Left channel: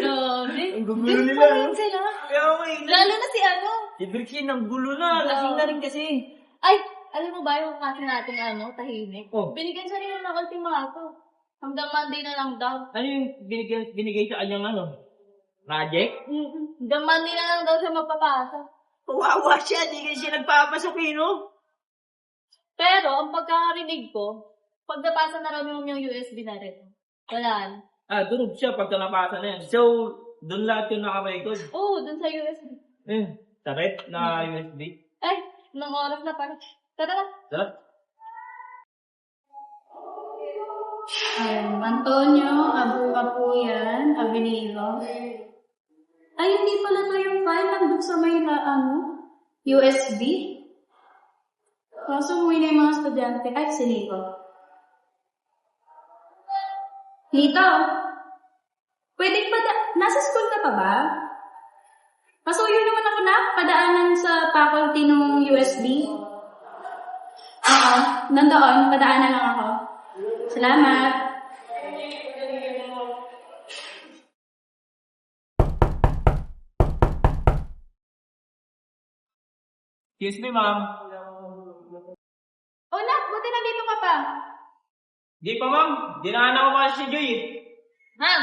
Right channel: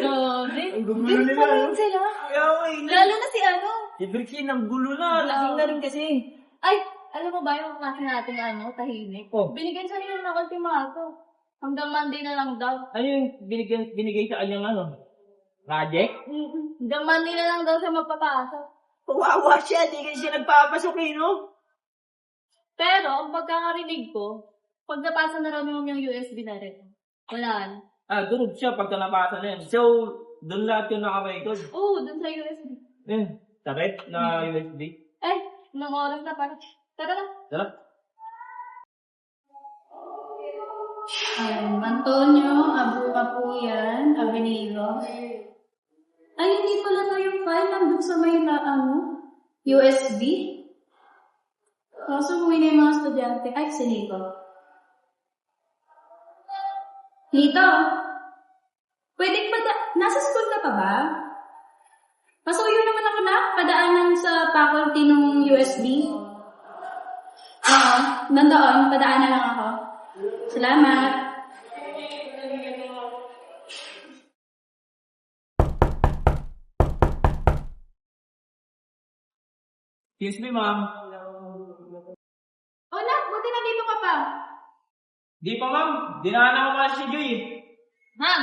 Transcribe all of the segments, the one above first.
Grabe. Ang gugulo Ganun nila, pa rin no? sila. Kaya ako Lalo na si ano. Si Brixie, ang gulo na. Lasing na rin kasi. Ay, alam mo ba yung kasi natin tahimik? Oh. Binigyan siya rin ng ultimato. Hanggang Monday na lang daw. Ano yung binigay sa kanyang project? Hanggang Monday na lang daw siya mapapasok. Kawawa siya, di kasi siya nagpapasok no? Pero, ang pagkakarinig ko, pag napasa na raw yung USB na rin. Wala na. Durog siya pagka napasa na yan. So, doon lahat yung nakarecord. Oo, dun sa USB. Taret na USB. Nang oras na parang, tara na. Tara. Antonio, Abuka po yan, Avenido. Ay, hindi pala na yung file nandun sa may USB. Kaso umuwi na yung mga estudyante. Ay, si Nico. Nito, pwede pa nasa school ka pa ba? Pasuyo naman ako na, padaanan sa faculty ng USB. Oo, nandoon, padaanan lang ako. Salamat. Excuse me, ma'am. Nak, buti nandito ka pa. Di pa, ma'am. Dinaanan ko pa si Joy. Ma'am.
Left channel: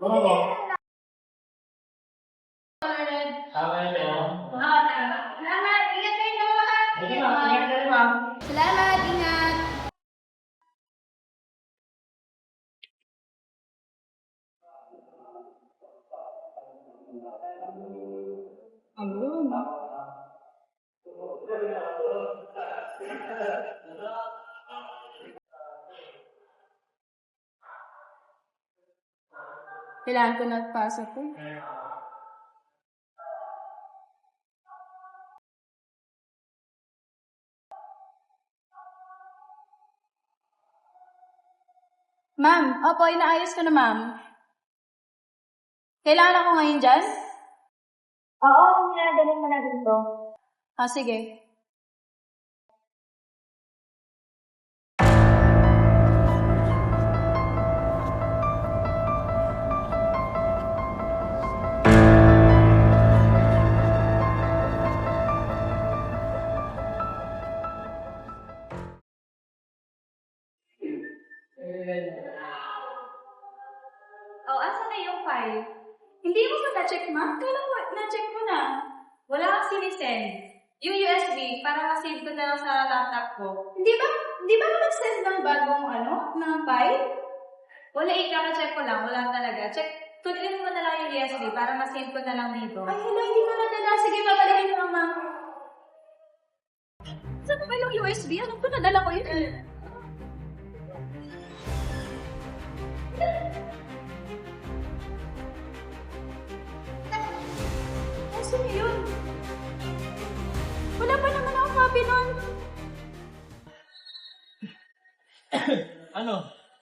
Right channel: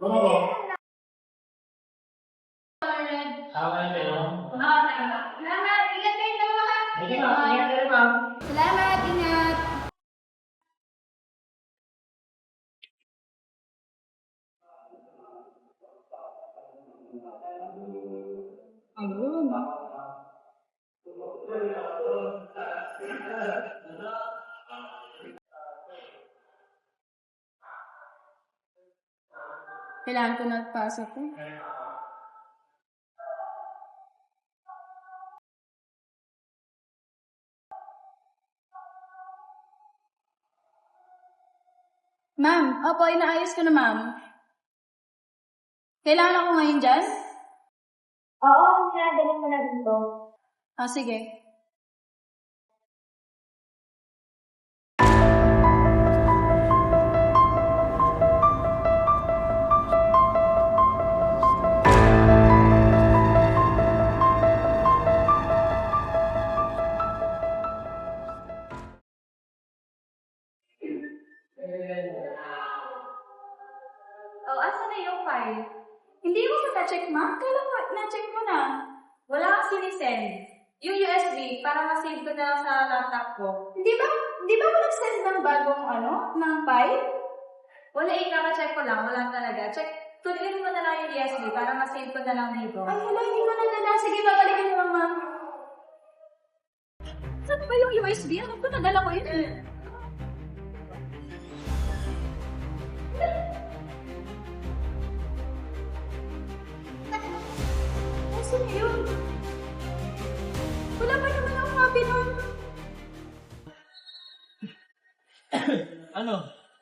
Oo. Salamat. Ingat kayo dalawa. Sige, ma'am. Ingat kayo, ma'am. Salamat, ingat. Ayun. Kailangan ko nagpasok ko. Ma'am, opo, inaayos ko na ma'am. Kailangan ako ngayon dyan? Oo, ginagaling mo na dito. Sige. Asa na yung file? Hindi mo ba na-check, ma'am? Kailan mo na-check mo na? Wala kang sinisend. Yung USB, para ma-save ko na lang sa laptop ko. Hindi ba ako nag-send ng bagong ng file? Wala kaka-check ko lang. Wala talaga. Tuloy mo na lang yung USB para ma-save ko na lang dito. Ay, hala, hindi ko nadala. Sige, babalikin mo lang, ma'am. Saan ba yung USB? Ano ko nadala ko yun? Saan yun? Wala pa naman akong copy nun. Ano?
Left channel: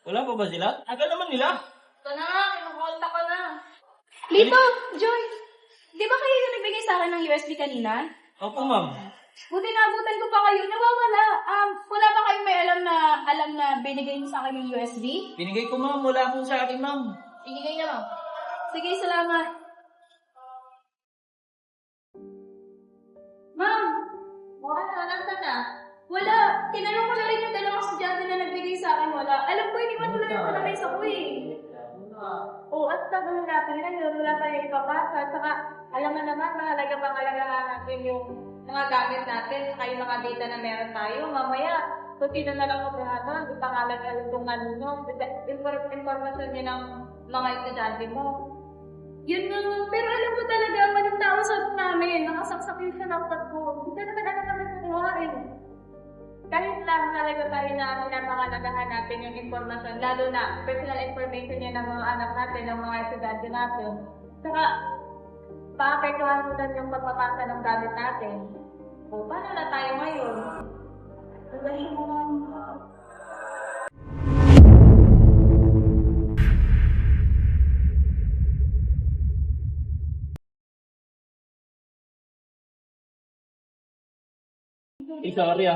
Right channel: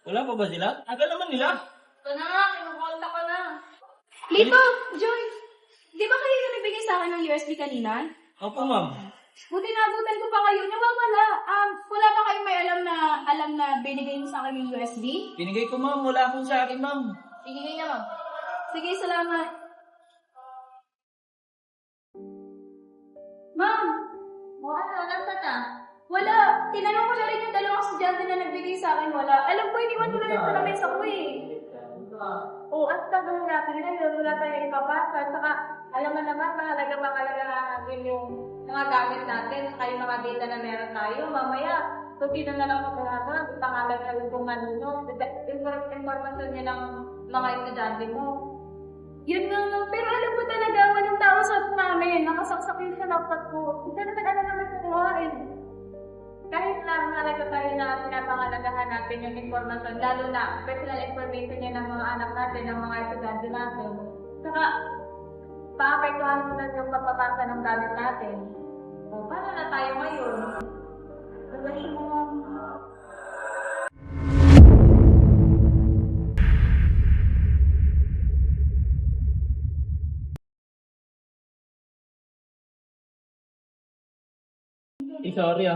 Wala pa ba sila? Aga naman nila. Ito na nga, kinukonta ko na. Lito, Joy, di ba kayo yung nagbigay sa akin ng USB kanina? Opo, ma'am. Buti nabutan ko pa kayo. Nawawala. Wala ba kayong may alam na binigay mo sa akin yung USB? Binigay ko, ma'am. Wala po sa akin, ma'am. Binigay na, ma'am. Sige, salamat. Ma'am! Nasaan na? Wala. Tinanong ko na rin yung dalawang estudyante na nagbigay sa akin. Wala. Alam ko, iniwan ko lang yung palamesa ko eh. At tagal natin yun. Wala tayong ipapasa. At saka, alam mo naman, mahalagang natin yung mga gamit natin. Saka yung mga data na meron tayo. Mamaya, kung sino na lang magkakaroon, ipangalan na lang kung ano. Informasyon niya ng mga estudyante mo. Yun nga, pero alam mo talaga, anong tao sa namin, nakasaksak yung sanapat ko. Hindi na alam naman sa kuhain. Kahit lang talaga tayo na pinapangalagahan natin yung informasyon, lalo na personal information niya ng mga anak natin, ng mga estudyante natin. Saka, paapektuhan mo na yung pagpapasa ng gamit natin. O, paano na tayo ngayon? Magaling mo nga. Sorry